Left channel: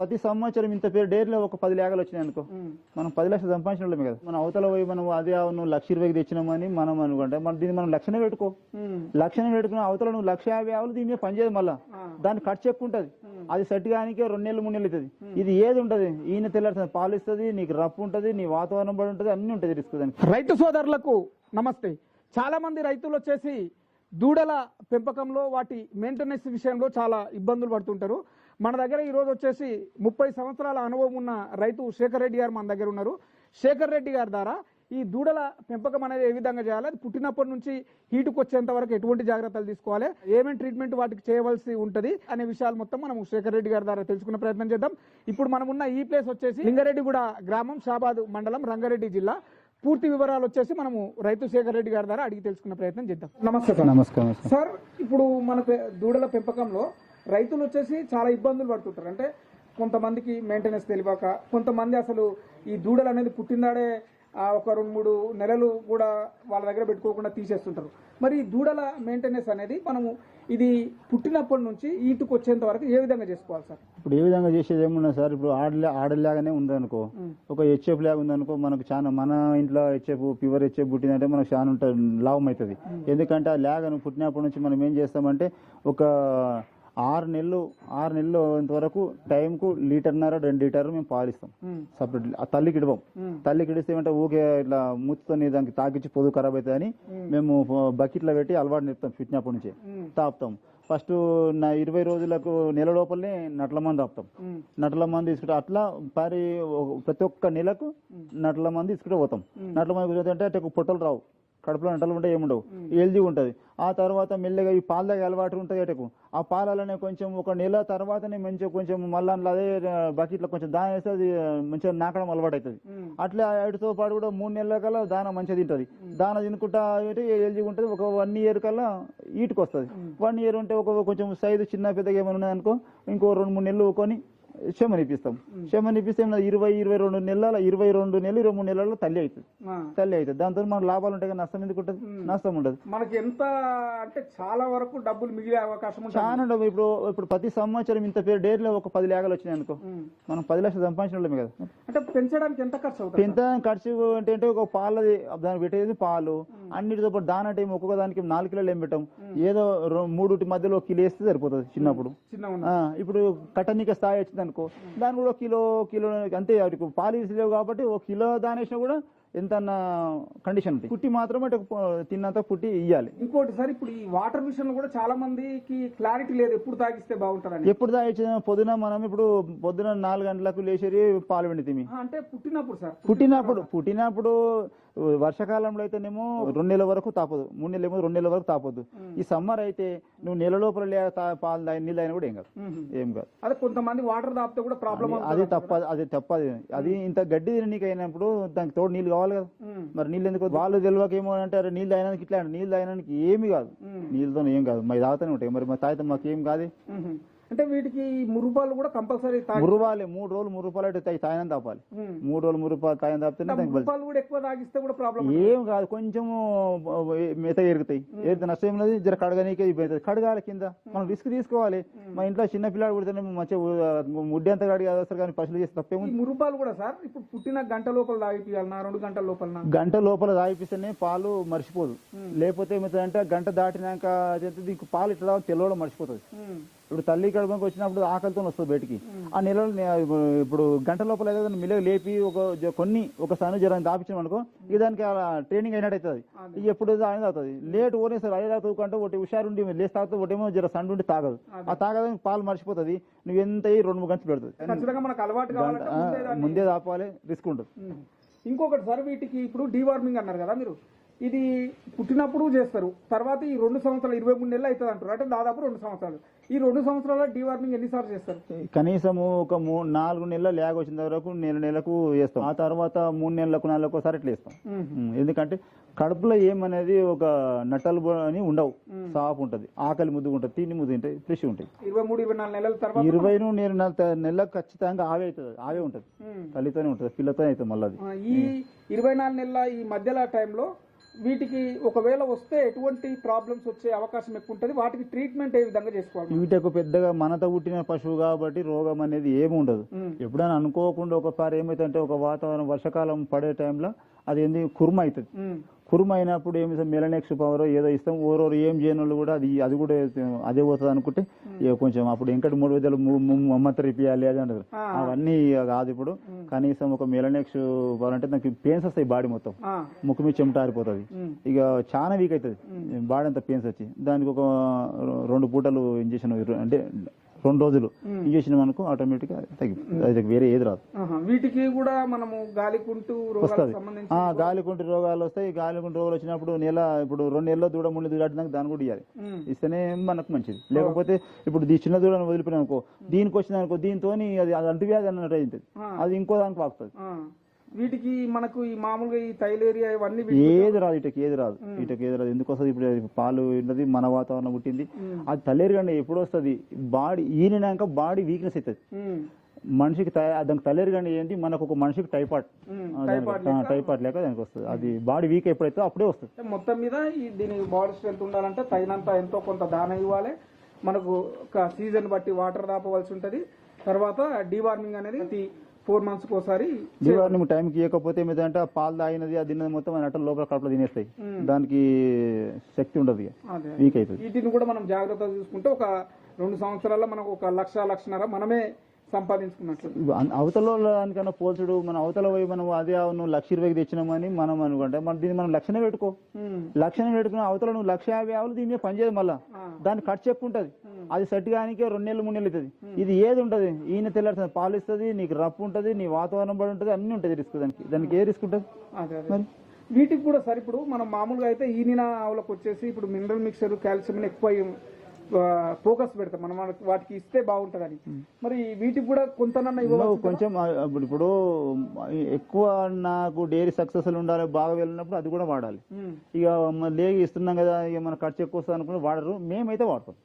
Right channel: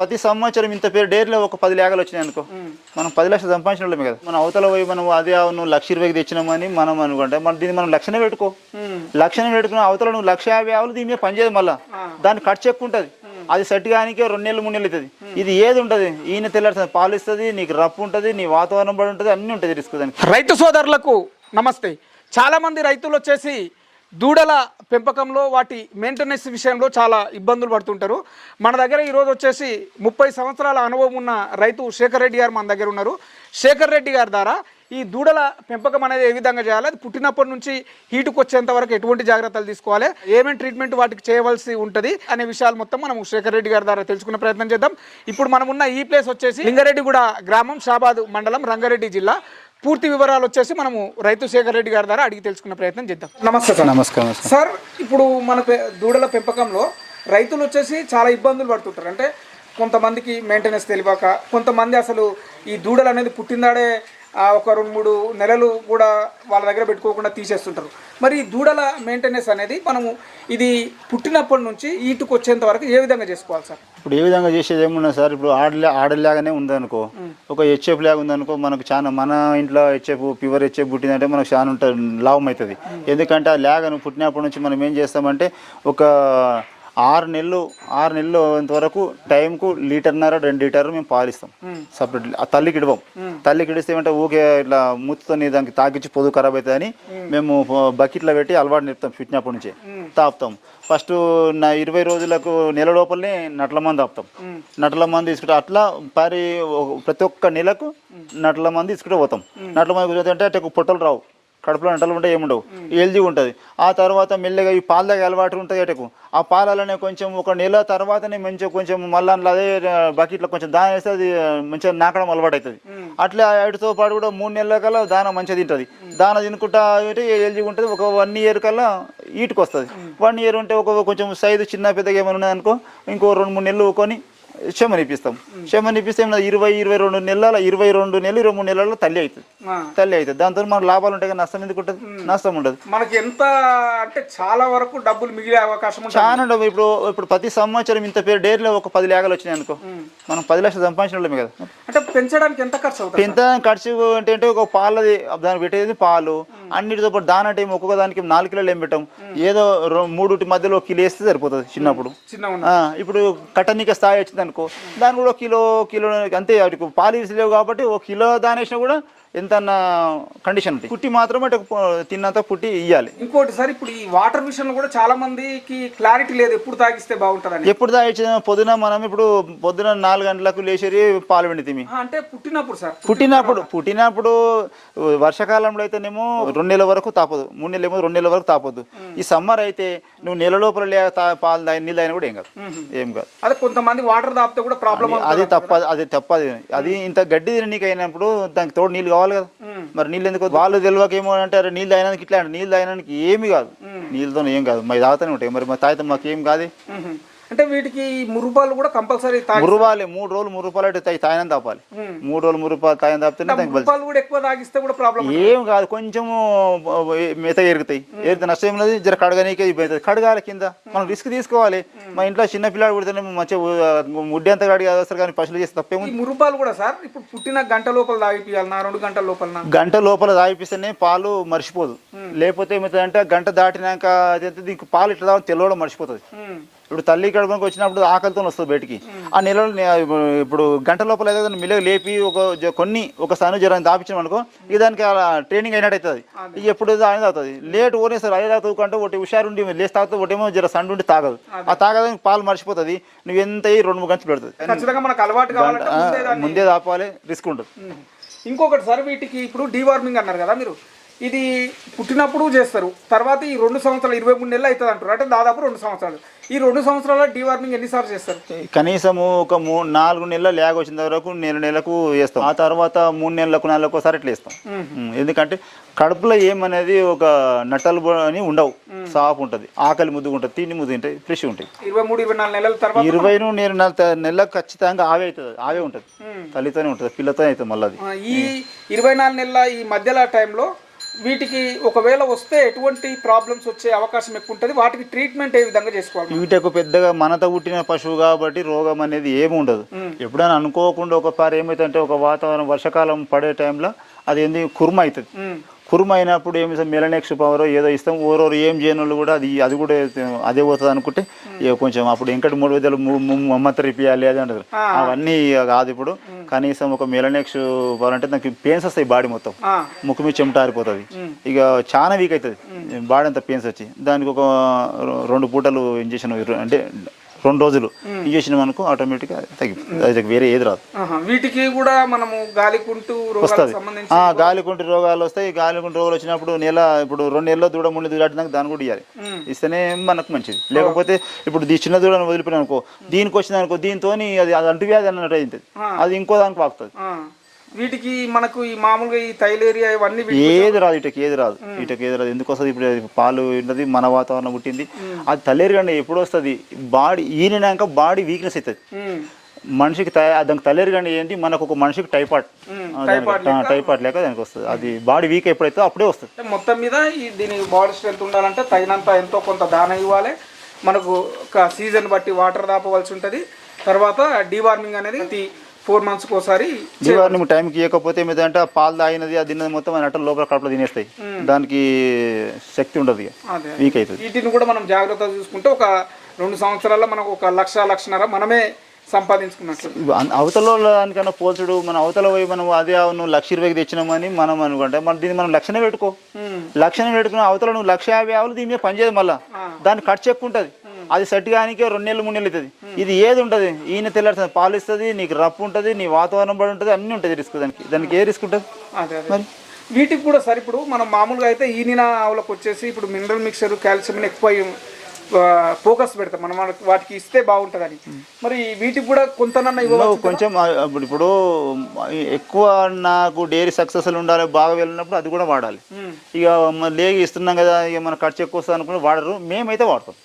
ప్రతి సంవత్సరం ఇంత పేరు డైరీలో ఒక పది లేఖలు వచ్చినాయి అనుకో. మనం పది లక్షలు సంపాదించిన వాళ్ళమే కదా. మనం అవతల పోయి మనం అదే నువ్వు లక్ష ఇరవైకి తెచ్చినామని మనం అనుకుంటే మనం దీన్ని మనం లక్షనే పెట్టుకో. లక్షనే పెట్టుకున్న అవతల నువ్వు లక్ష యాభై ఆవులు దీని మీద పనిచేయదు మళ్ళా. దాని ఖర్చు ఎక్కువ ఉంటుంది. అది సెట్ కానికే రెండు నెలలు మూడు నెలలు అవుతుంది. ఇది ఏది ఉంటుంది? ఈయన తెల్లాడుతుంది పాలు ఇస్తుంది నీకు రప్పు ఉంటుంది నీ వాతావరణం పడి ఉంటుంది అన్నీ ఉంటుంది రిస్క్ దానికి. రైతు సోదరులకు నమస్తే. చాలామంది రైతులు వచ్చేసి దూడల పెంపకంలో వాటి మెయింటెనెన్స్ విషయంలో చాలా ఇబ్బందులు పడుతుంటారు. మన దగ్గర ఈరోజు వచ్చేసి ముప్పై సంవత్సరాల అనుభవం ఉన్న రైతు శేఖర్ రెడ్డి గారు మన దగ్గర ఉన్నారు. శేఖర్ రెడ్డి గారి ద్వారా ఈ దూడల పెంపకం అనేది ఏ విధంగా చేయాలి? అది పుట్టినప్పటి నుంచి హీటుకు వచ్చేంత వరకు ఎటువంటి జాగ్రత్తలు తీసుకోవాలి? ఏమేమి ట్రీట్మెంట్ వాటికి చేయవలసి ఉంటుంది? అనే విషయాలు మొత్తం మనం శేఖర్ రెడ్డి గారి ద్వారా తెలుసుకునే ప్రయత్నం చేద్దాం. ఇప్పుడు మనం ఉన్న ఈ ప్లేస్ వచ్చేసి లింగారెడ్డిగూడ గ్రామం షాబాద్ మండలం రంగారెడ్డి జిల్లా. పూర్తి వివరాలు వచ్చేసి మనము రైతు శేఖర్ రెడ్డి గారి ద్వారా అడిగి తెలుసుకునే ప్రయత్నం చేద్దాం. నమస్తే సార్. నమస్కారం సార్ ఇప్పుడు మన దూడల పెంపకంలో రైతులు వచ్చేసి చాలా ఇబ్బందులు పడుతుంటారు. అంటే కొంతమందికి మెయింటెనెన్స్ తెలియక కొంతమంది అసలు ఈ దూడలు అనేది పుట్టిందాడే ఒక రెండు మూడు నెలలు కూడా వాళ్ళ దగ్గర పెట్టుకోకుండా తీసేస్తుంటారు. మరి ఈ దూడల మెయింటెనెన్స్ అనేది మనము ఇది పుట్టినప్పటి నుంచి ఈటుకు వచ్చేంత వరకు ఏ విధంగా చేసుకోవాలి సార్? ఇప్పుడు ఏ విధంగా చేసేది ఏమున్నా సార్. ఇప్పుడు ఆడలే ఆడలాగానే ఉందనుకో ఒక హెచ్ఎఫ్ లాగా ఉందనుకో మనకు చాలా మన ఇంట్లో హెచ్ఎఫ్ ప్యూర్ హెచ్ఎఫ్ పుట్టిందంటే మనకు చాలా ఉంటుంది లాభం అవుతుంది. ఎందుకంటే ఆ లాగను పుట్టినప్పటి నుంచి మనం ఏం చేస్తామంటే ఒక ఆరు నెలలు ఆరు నెలలు వరకు టైంకు లీటర్న్నర రెండు లీటర్ మేము పాలిస్తాం. సపరేట్ ఆ తల్లికి ఇడవం. తల్లికి ఇడిస్తే ఏమంటే ఊకే ఇట్లా మూతితో దానికి తాకిచ్చి పొదుగు ఖరాబ్ అవుతుందని మేము. బకెట్లో పెట్టి అలవాటు నేర్పుతాం పుట్టినప్పటి నుంచి. తాపుతాం. ఫస్ట్ నా ఇరవై రోజులకు నెల లోపలనే నట్ల మంది ఆపుతాం నట్ల మంది తీసుకుంటే అట్లా పరి ప్రతి ఒక్క నెలకు నట్ల మంది తీసుకుంటే పోతాం. నట్ల మంది కూర్చోతే అంటే అటు పొట్టలు రావు. కడుపులో నటలు ఉంటాయి ఏముండవు. ఎల్జీ ఉంటుంది. ఆ తర్వాత మెల్లగా ఈ పాల దగ్గర అలవాటు ఉంటుంది అటకు. ఆ పాలలోనే కొంచెం ఒక నెల తర్వాతనే మంచిగా కొంచెం మళ్ళీ అదే బకెట్లో కొంచెం దాన వేస్తే అది మంచిగా నాకడం అలవాటు అవుతుంది అట్లా వాటితో పాటు కూడా మూడు నెలల కల్లా దాన మంచిగా తింటుంది. దాన తినుకుంటా ఎల్జీ ఉంటుంది. ఒక వన్ ఇయర్ కల్లా ఈటుకు వస్తుంది వన్ ఇయర్ ఉంటే ఒక కొంచెం సైజు చిన్న పెద్దగా ఏమైనా ఉన్నదనుకో ఇంకో రెండు మూడు నెలలు కొని చెమనిపిస్తే ఏమన్నా ఇరవై ఇరవై రెండు నెలల ఇరవై రెండు నెలలు ఇరవై మూడు నెలల్లో తల్లి అవుతుంది. తల్లి అవుతుంది. దాంతో మనకు లాభాలు ఉంటాయి కానీ నష్టం ఎందుకు ఉంటుంది? నష్టం ఉండదు. మనకి ఎంత అంటే చాలా వరకు డబ్బులు మిగిలే అవకాశం చాలా ఉండవు ఇప్పుడు ఇప్పుడు ప్రతి సంవత్సరం ఇంత పేరు డైరీలో ఒక పది లేఖలు వచ్చినాయి అనుకో. మనం పది లక్షలు సంపాదించిన వాళ్ళమే కదా. అంటే పెంచడానికి ఎంత ఖర్చు అవుతుంది? ఎంత ఖర్చు అంటే అంటే ఒక పాలది దానికి పెట్టేది పాలు అన్నిటితో పాటు దాని టైం ఒక్కొక్క దానికి నాలుగు కిలోలు ఏం పెట్టాం? ఏదో మూడుటి మధ్యలో ఒక కిలో వేస్తే సరిపోతుంది చిన్నప్పుడు. ఇప్పుడు కట్టనీక స్థాయి వచ్చింది అనుకో దాని కూడా ఒక కిలో కిలో అంతే వాటికి పాలు లేవు కాబట్టి ఒక కిలో దాని వేసినా కూడా ఎంత కండిషన్ ఉంటుంది పుట్టి మాత్రం అటు తిన్నంత పుట్టి ఇవ్వాలి ఇంకోటి సార్ ఇప్పుడు ఈ వాటర్ విషయంలో కూడా చాలా మందికి క్లారిటీ లేదు. ఎప్పుడు తాగిస్తే బాగుంటుందని. ఎప్పుడు దాయిచ్చిన పొద్దున మనం ఇప్పుడు పొద్దున నాలుగు గంటలకు లేచేది పాలు పిండితిమి ఆ, అంటే పుట్టినప్పుడు సార్. పుట్టినప్పుడు పుట్టినప్పుడు వర్షాకాలంలో అయితేనేమో రెండు నెలల వరకు తాపదు. మూడు నెలలు ఏమో రెండు నెలల వరకు తాపొద్దు. ఈ సమ్మర్ అయితే నువ్వు నెల లోపల లే తా- పాలు తాగి నీళ్ళు అయినా కూడా ఏం కాదు. ఏం కాదు. అదే కొంతమంది వాటర్ తాపితే కూడా ప్రాబ్లం అది తప్ప అది తప్పది. అది ఇంత గడ్డి తిననీకి అయినప్పుడు దానికి తోడు నీళ్ళు కావాలి కదా. మరి నీళ్ళు ఎందుకు వాళ్ళు తెలియక ఏమో అంటే అరే నీళ్ళు తాగినందుకు ఇట్లా అంటే నీళ్ళు తాగినందుకు ఏమి కాదు. నీళ్ళతో ఏం కాదు. మరి తాగుతూనే ఉంటాయి. మరి మరి తాగితే మాకు ఏం కాదు అంటే వీటికి మురుపాలు కూడా కంపల్సరీ మురువాలి మూడు రోజులు అంటే తాగి తాగిన తాపాలి. మూడు రోజులు తాపితేనే దానికి బలి మురుపాలు కూడా ఎక్కువ తాగిస్తే కూడా ప్రాబ్లం ఏం కాదు కొంచెము మిత ఎరుగుతాయి ఎరిగితే నష్టం ఏం లేదు జర కడగనీకే ఇబ్బంది. కడగాలి కింద. మనం రిస్క్ తీసుకోవాలి. మా ఇంట్లో చిన్న పిల్లాడు పుడితేనే మంచిగా ముడ్డి అంతా కడిగి వస్తారు కానీ పశువులు చేస్తే ఈ తప్పేముంది మురుపాలు కూడా సార్ ఇప్పుడు పుట్టిన గంట లోపల తాగిపియాలన్నా రెండు గంటల లోపల గంట లోపల తాగిపిస్తేనే పాలు మర్చిపోదు. లేకపోతే ఏమవుతుందంటే గంట దాటినాక దీనికి పాలు ఇట్లా తాగడం తెల్లవడం మర్చిపోతుంది. ఇప్పుడు తల్లి కడుపుకి వచ్చినప్పుడు ఆకలితో వస్తుంది బయటికి. ఆ నెలలో ఇప్పుడు గంట లోపల ఏదైనా మిల్లగా లేపి ఒక కొన్ని ఒక సను జ్వరం దాపించాం అనుకో ఇక దానికి అలా ట్రైనింగ్ అయినట్టు అవుతుంది ఎప్పుడు అనేది అవుతుంది. లేట్ ఓనే సార్ తాగుతూ అంటే ఒకటి హుషారుండి లేచి తాగుతూ ఒకటేమో జర సండు ఉండి తాగదు. ఆ తాగడానికి పాలు మర్చిపోతుంది నువ్వు ఎంత అయ్యి రెండు మూడు గంటలు పెడుతుంది. ముందే తాపాలి రిస్క్ ఉంటుంది. ఇంకొకటి సార్ వీటికి ఇప్పుడు డీవార్మింగ్ అన్నారు కదా మీరు. ఇది పుట్టినప్పుడు చేస్తారు. తర్వాత ఈ రెండు సంవత్సరాలు ఇరవై మూడు నెలలు అవుతుంది అంటారు. అంటే దాదాపు రెండు సంవత్సరాలు. ఈ రెండు సంవత్సరాల డీవార్మింగ్ ఎన్నిసార్లు చేస్తారు? కనీసము ఒక మూ నాలుగు నెలల ల్యాగ్ వచ్చిన వరకు నెల నెలకు వేస్తాం. ఆ తర్వాత మూడు నెలలకు నాలుగు ఒకసారి ఇట్లా వేస్తాం. ఎందుకంటే కడుపులో ఏమనేది ఒక నట్టలు అని ఉండవు. సాఫ్ ఉంటుంది. ఆకలి ముద్దుగా ఉంటుంది. తిండి ముద్దు ఉంటాయి ఫ్రెష్ ఉంటాయి ఇరవై మూడు ఇరవై నాలుగు నెలల తర్వాత ఇరవై నేను నెలకు ఖచ్చితంగా ఆవే అవుతుంది. ఆవే ఉంటుంది. తల్లితోనే ఉంటుంది. పిల్లతోనే అవుతుంది మళ్ళీ ఈ ఇరవై నాలుగు నెలల ఈ మధ్యలో టైంలో వీటికి ఒకవేళ వస్తే ఎటువంటి ప్రాబ్లమ్స్ వచ్చే అవకాశం ఎక్కువ ఉంటుంది. వాటికి ట్రీట్మెంట్ ఏ విధంగా చేసుకోవాలి? వీటకు పెద్దగా మనతో పుట్టిన పశువు కాబట్టి రోగం అనేది ఏమి ఉండదు. ఎప్పుడైనా అనుకోకుండా ఒకసారి ఏమైతుందంటే ఒక వాతావరణం వర్షాకాలం పడే టైంలో అది ఏంది కుర్మ అవుతుంది? కుర్మ అయినప్పుడు ఏమి మెలనెక్స్ పవర్ ఏదో ఇస్తాం ఓరోరు ఏం చేయని వాళ్ళు కూడా అది అది కూడా అదే పోతుంది అనుకుంటే ఇక కొంచెం అప్పుడు ఇంకటి మూడు విధాలు మమ్మత్త ఇప్పియాలి అది అంటారు. అవన్నీ కాదు ఇప్పుడు. కనీసం ఒక మెలనెక్స్ పవర్ అంటే నాకు పెయిన్స్ వస్తాయి బాడీ మొత్తం. ముక్కు మీద చెమట ఆరిపోతుంది. ఇక చాలా వీక్ అవుతుంది. బాడీ అంతా పెయిన్స్ వచ్చి. దానికి ఒక రెండు పూటలు ఇంజక్షన్ అంటే రెండు రోజులు. ఇంజక్షన్ మనకు ఆటోమేటిక్గా తగ్గిపోతుంది వేరే ఏది రాదు. వీటికి కూడా మనము గాలికుంటూ వస్తుంది. గాలికుంటి రోగాలు వస్తాయి. గాలికుంటి రోగాలు వచ్చినప్పుడు నెల ఇప్పుడు రెండు నెలల్లో దూడ నెలలు దాటినాక దాన్ని కూడా ఇవ్వాలి ఇస్తేనే మనకు మంచిది. లేకపోతే ఇప్పుడు దీ చిన్న దూడను వదిలిపోయిన అనుకో దీనికి వచ్చింది అనుకో దీంతో అది అది అంటువ్యాధి అన్నట్టు అవుతుంది అది ఇంకో దానికి పాకుతుంది. వీటికి మనకు ఈ మామూలుగా ఈ థైలేరియా ఇవన్నీ ఏది రాదు ఇటకి ఏది రాదు. ఇటకి ఏది రాదు. ఎందుకు వస్తుంది? ఇప్పుడు పాలు ఉన్నది మన వాతావరణం పుట్టింది. అది తల్లేరుగండి ఎప్పుడు వస్తుంది? బాడీ ఈనినాక బాడీ వీక్నెస్ అవుతుంది మనిషికి దానికి తల్లేరుగండి ఏంటి? మనకు ఒక మనిషికి టైఫాయిడ్ ఉమ్. టైఫాయిడ్ లేక దానికి వస్తుంది. అది బాడీ వీక్ ఎప్పుడైతే అప్పుడే వస్తుంది. మొత్తం మీద దీనికి బాడీ స్ట్రెంత్ ఉండాలంటే తగినంత ఎంతో కొంత దాన ఇవ్వాలి. మనకు ఒక సీజన్ బట్టి వాటర్ దాపవలసి ఉంటుంది. తర్వాత డీవార్మింగ్ అనేది ఫోర్ మంత్స్కి ఒకసారి దీవారిని టైంకి ఇవ్వకపోతే ఏమైందంటే ఆ పాలు తాగినది అది తిన్నది మొత్తం అని లోపల కడుపులో తినేస్తాయి. దానికి శక్తి ఉండదు వీక్ అవుతుంది. వీటిని కూడా మనం జాగ్రత్తగా చూసుకుంటే ఒక రెండు సంవత్సరాల్లో మనకు ఒక లక్ష లక్షన్నర మనమే సంపాదించుకున్నట్లు. అన్- అవతల దానికన్నా పోల్చుడు మన అవతల పోయి మనం అదే నువ్వు లక్ష ఇరవైకి తెచ్చినామని మనం అనుకుంటే మన దీన్ని మనం లక్షనే పెట్టుకో. లక్షనే పెట్టుకుని అవతల నువ్వు లక్ష యాభై ఆవులు దీని మీద పనిచేయదు మళ్ళా. దాని ఖర్చు ఎక్కువ ఉంటుంది. అది సెట్ కానికే రెండు నెలలు మూడు నెలలు అవుతుంది. ఇది ఏది ఉంటుంది? ఈయన తెల్లాడుతుంది పాలు ఇస్తుంది నీకు రప్పు ఉంటుంది నీ వాతావరణం పడి ఉంటుంది అన్నీ ఉంటుంది రిస్క్ దానికి. దానికి ఏ రిస్క్ ఉంటుంది? అదే వీటికి కూడా సరే ఇప్పుడు మనం మామూలుగా అయితే ఈనిన ఆవులకు వచ్చేసి ఇప్పుడు మినరల్ మిక్సర్ కాల్షియం ఎక్కువ ఫోకస్ పెడతాం. మనం వాటికి ఇస్తే బాగుంటుందని. మరి వీటికి కూడా కొంతనన్నా కొంచెం ఇప్పుడు ఇప్పుడు ఎక్కువ నాకు డైరీ సక్సెస్ఫుల్ ఉండాలి బాగా వెళ్ళినప్పుడు అది కూడా వాడాలి. ఇక లేగి ఇస్తున్నాం కదా ఇక మన ఖర్చు ఎక్కువ వస్తుంది అనుకుని వాడరు. మేమైతే వాడతాం.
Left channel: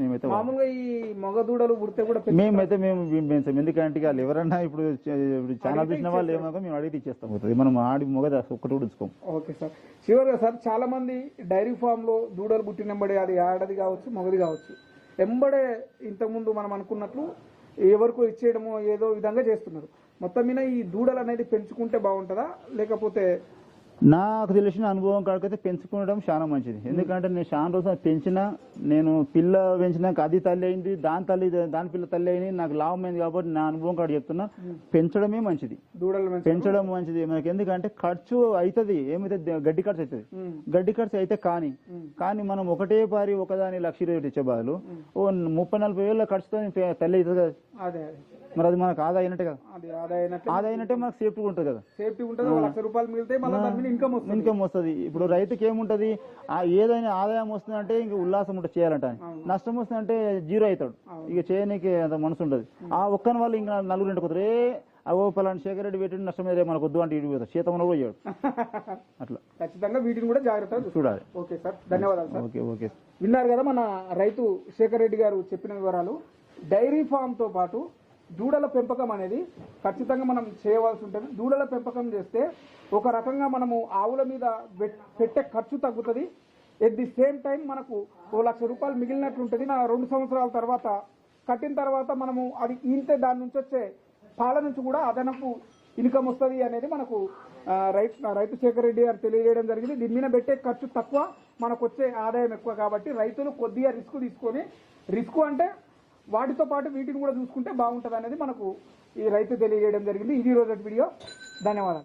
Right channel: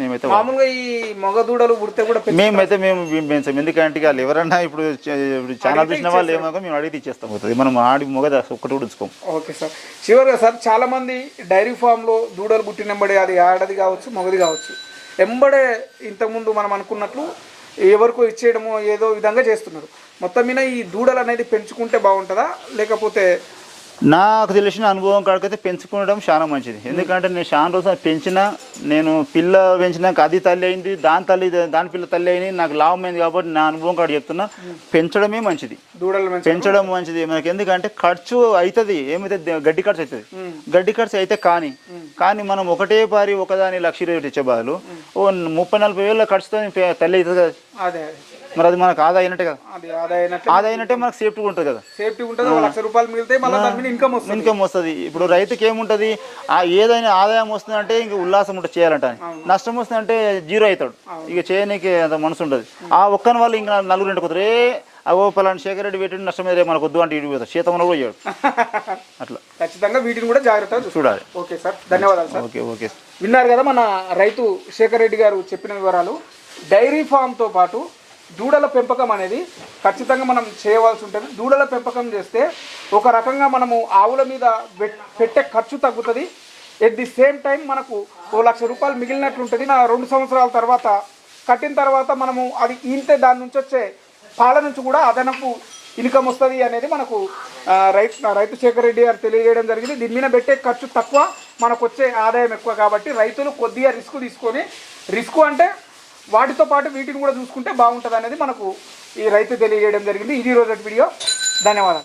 మేమైతే. మామూలుగా ఈ మగ దూడలు పుడితే కూడా మేమైతే మేము పెంచాం. ఎందుకంటే వాళ్ళు ఎవరన్నా ఇప్పుడు ఇప్పుడు చాలా చూసిన వాళ్ళు ఏమో మేము అడిగితే ఇచ్చేస్తాం. పోతుంది. మనం ఆడి మొగద ఒక్కటి కూడా ఉంచుకోం. Okay sir. చివరిగా సార్ చాలా మంది డైరీ ఫామ్లో దూడలు పుట్టినెంబడే అది ఆడది కావచ్చు మగది కావచ్చు. ఎంబడే ఇంతకుముందు మనం అనుకున్నట్లు ఎవరికో ఇచ్చేయడమో ఏదో విధంగా చేస్తున్నారు. మొత్తం మీద ఈ దూడలు అనేది పెంచుకుంటే బాగుంటుందా? లేకపోతే నాకు తెలిసిన అనుభవం కాడికైతే పెంచుకోవడం చాలా మంచిది. ఎందుకంటే నేను చాలా రోజులు పెంచిన నేను పిల్ల పెంచినాక అది తల్లి అయింది దాని తల్లి దాని పిల్ల తల్లి అయింది నాకు లాభం అయింది కాబట్టి నా అనుభవం కాడ చెప్తున్నా పెంచడమే మంచిది. దూడలు పెంచడం మంచిది. మనకి ఎందుకంటే ఖర్చు అవుతుంది ఏమైతే గడ్డి ఖర్చు అవుతుంది గడ్డి ఖర్చు అయితే కానీ కానీ మనం ఒకటే పారి ఒకదాని లక్ష ఇరవై తెచ్చే బదులు ఓ ముప్పై నలభై వేల ఖర్చుతో తల్లి అవుతుంది కదా. మరి అది మనకు ఆదా అయినట్టే కదా. ఆదా అయినట్టే. మనకు సేఫ్టీ ఉంటుంది కదా. సేఫ్టీ ఉంటుంది లక్ష రూపాయలు మిగిలితే మళ్ళీ ఇన్కమ్ వస్తుంది. ఇన్కమ్ వస్తుంది. ఇప్పుడు రైతుకి ఏముంటుంది? ఆ ఏదైనా ఆదాయం వస్తుందంటే ఇంక ఉల్లాసం ఉంటుంది చేయాలంట నష్టం వస్తుందంటే జీరో అవుతాడు. ఇక చేయనీకి అంత మనసు ఉంటుంది ఆ ఒక్కని వాళ్ళు ఇంకా నలుగురు ఇంటికి అవో పలానా శేఖర్ రెడ్డి పెట్టి నష్టం మీద మనకు వద్దు అంటే ఇటు శీతంలో కూడా చేయడు అట్లా. ఖచ్చితంగా వీటిని కూడా జాగ్రత్తగా చూడాలి. Okay sir. ధన్యవాదాలు సార్. Okay okay. విన్నారు కదా మన రైతు శేఖర్ రెడ్డి గారు చెప్పిన వివరాలు. డైరీ ఫామ్తో పాటు దూడల పెంపకం అనేది ఖచ్చితంగా మనం చేయవలసి ఉంటుంది. దూడల పెంపకం చేస్తే ఒక రకంగా మనము ఆవుల మీద పెట్టే ఖర్చు తగ్గుతుంది. ఎట్ ది సేమ్ టైం మనకు ఓ లక్ష రూపాయలు మిగిలినట్లుంటుంది నా రెండు సంవత్సరాల తర్వాత కట్టిన తర్వాత మనము అది ఈంతే దాని నుంచి వచ్చే పాల నుంచి కూడా అదనపు ఇన్కమ్ వస్తుంది అనేది మనకు రైతు రైతు శేఖర్ రెడ్డి గారు తెలియజేయడం జరిగింది. దీని మీద పెట్టే ఖర్చు తక్కువ మనకు వచ్చే ఆదాయం ఎక్కువ కాబట్టి రైతులు కొద్దిగా రిస్క్ తీసుకొని రిస్క్ అంటే వాటితో పాటు వీటిని కూడా చూసుకుంటే బాగుంటుంది అనేది మనకు ఈ రైతు తెలియజేయడం జరిగింది. ఇది రోజు వీడియో. ధన్యవాదాలు.